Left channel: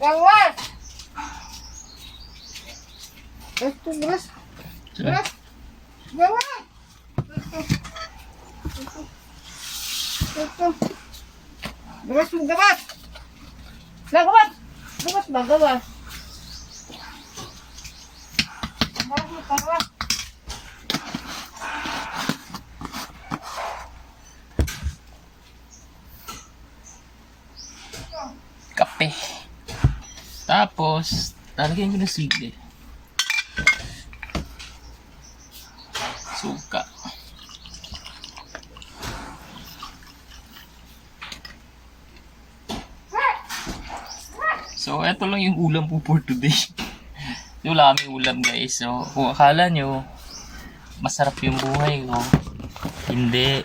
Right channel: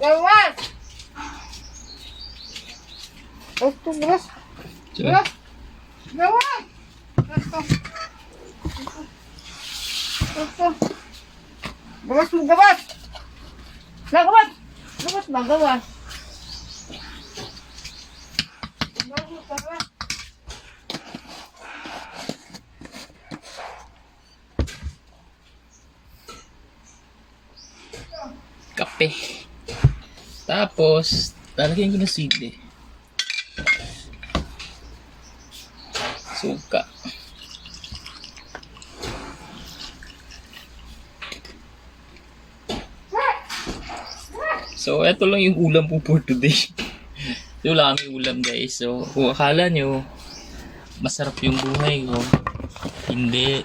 Gawas! Ito, gawas. Gawas! Gawas! Ito. Gawas mo, gawas! Gawas! Gawas ba, gawas? Gawas mo, gawas. Kape. Tapos, lalagyan ko ng sili. Suka. So, eto lang yung ulam po for today. Wala kami ulam guys. So, kung akala nyo, masarap yung buhay ko. Hindi.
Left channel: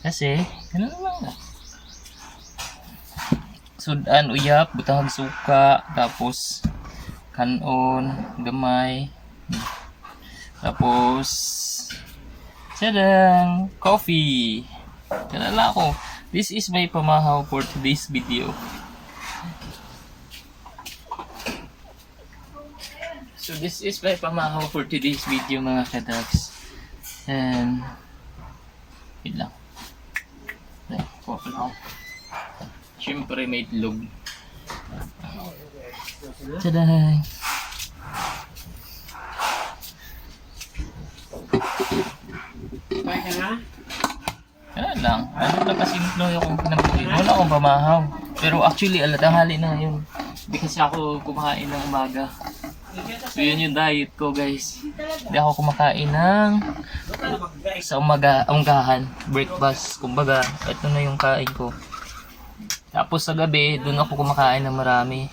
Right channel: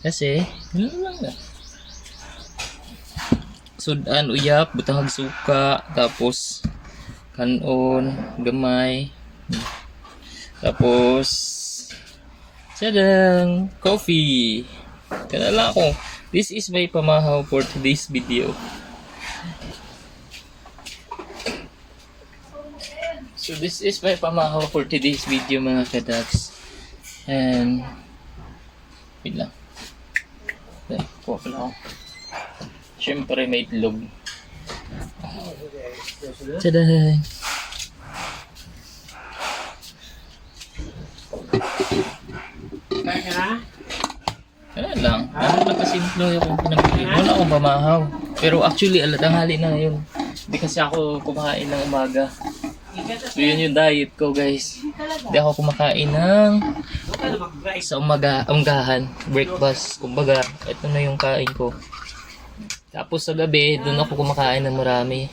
Kasi, ano naman sudan, uyap, butang suka, tapos kanon, gamay, tapos sadang coffee. Kanala ko, this is my pamahaw for today's video. So this is my pamahaw for today's video mga kadags. And wait lang. Pop lang. Siyempre may itlog. Taday! Wala lang. Ano lang kasi ako pinamili. Wala akong pamahaw. Pero actually, tanghali na yun. Hindi kasi ako kumakain ng umaga. So yun yung diet ko guys. Hindi ako kumakain ng sa umagahan. Breakfast. Kumbaga, ito na yung kain ko. Tapos sa gabi, doon ako kumakain ng marami.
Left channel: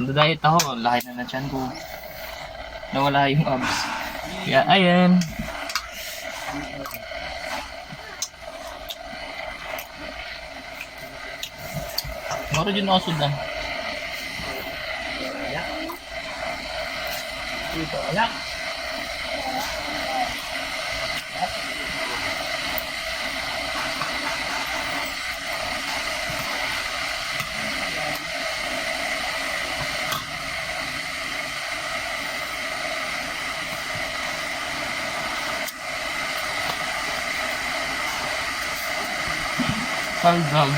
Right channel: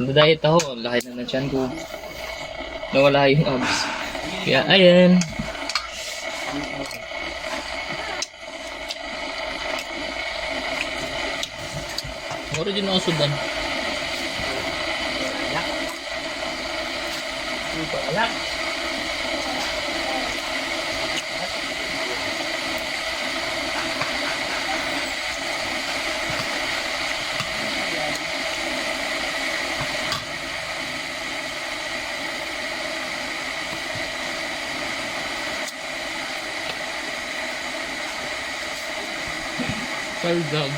Nanda-diet ako, laki na ng tiyan ko. Nawala yung abs. Kaya ayan. Moro din ako sudan. Wala. Paldam.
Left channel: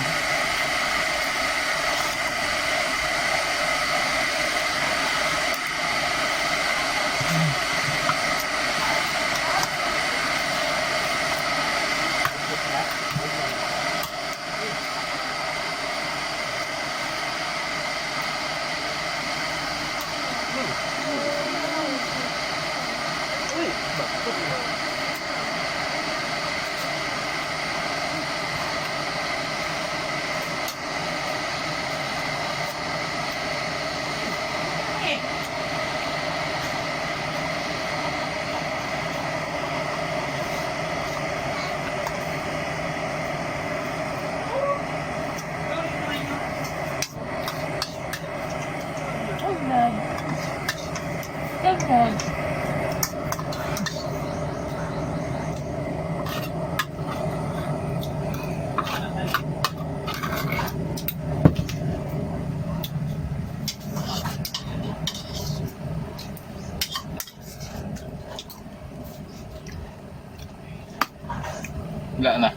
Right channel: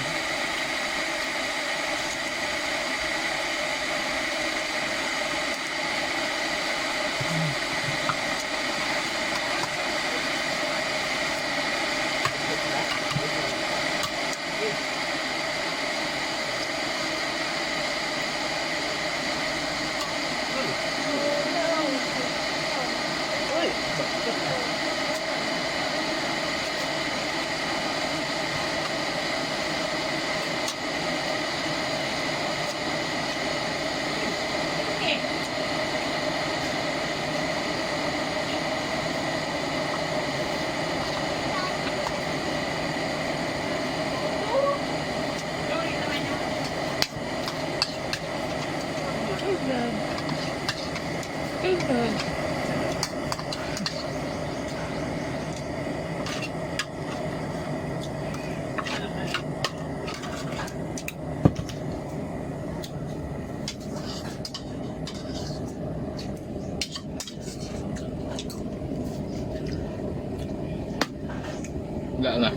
Wala na.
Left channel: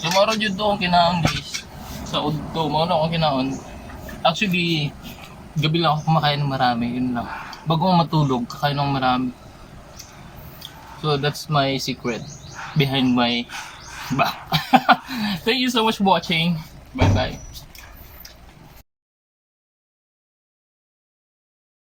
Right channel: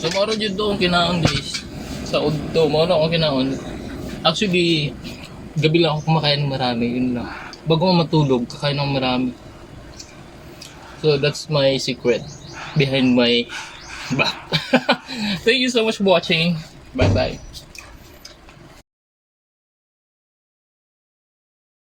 So maro jud doon kinaon guys. Sa udto mo na akong kinaon. Actually, gabi lang ako kumakain ng marami, yun lang. Bago ako matulog, kakain ng marami. So that's my secret behind my back. Thank you so much for watching. Bye bye.